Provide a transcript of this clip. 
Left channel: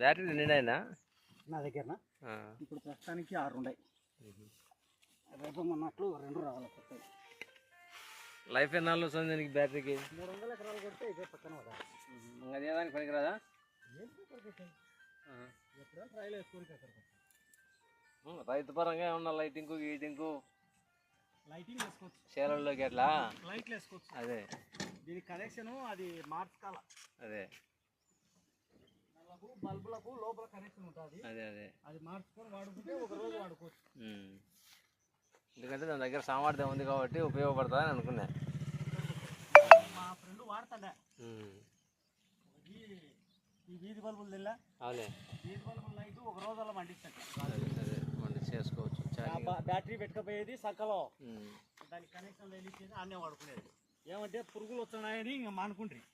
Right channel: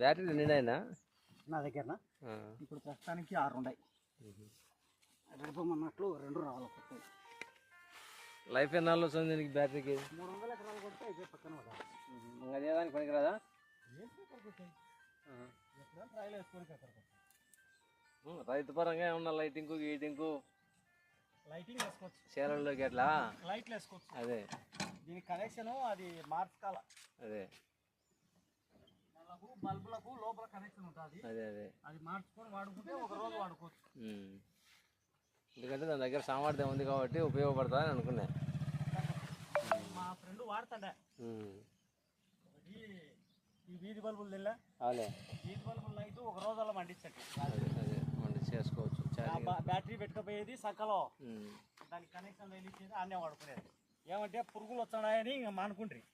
Battery నిండైనా నా దగ్గర ఇప్పుడు ప్రస్తుతానికి 6 ఉన్నాయి. రేపు మొన్నట్లు 2 రావాలి కొత్తవి. లైఫ్ ఎన్నాళ్ళు వస్తుంది దీనికి బ్యాటరీకి? 300 ఎకరాలు కొడితే ఇదే పక్కన ఇంకా అదేదానికి పనికిరాదా? రైతు పరంగా ఏమన్నా లైటింగ్ గీటింగ్ లైటింగ్ వేసుకోవచ్చు, చీరల్లోకి ఎట్లా లైట్లు వేసుకోవచ్చు. అదే దీనికి కనెక్షన్ అది మార్చుకోవాలి. అదే బల్బులకు లోపల కనెక్షన్ ఉంటుంది. అదే అదే అది మార్చుకొని వాడుకుంటే ఒక రోజు వాడుకోవచ్చు. ఎందుకంటే దాని దగ్గర సామర్థ్యం ఉంది కాబట్టి ఉపయోగపడుతుందని అనుకున్నా. మా ఫ్రెండ్ వాడుతుండే ఈ వీధి బల్బులు తెల్ల అవులే వీధి బల్బులు లైట్ ఒక రోజు అలా మండిస్తాడు. అదే అదే మనం చేసుకోవచ్చు. బ్యాటరీ పెట్టుకపోయేది సక్కలో దానికి కనెక్షన్ వెళ్ళి ఆడనే వాడుకునేది. ఏమంటే పురుగులు వస్తున్నాయని ఇంకా మానుకుంటారు.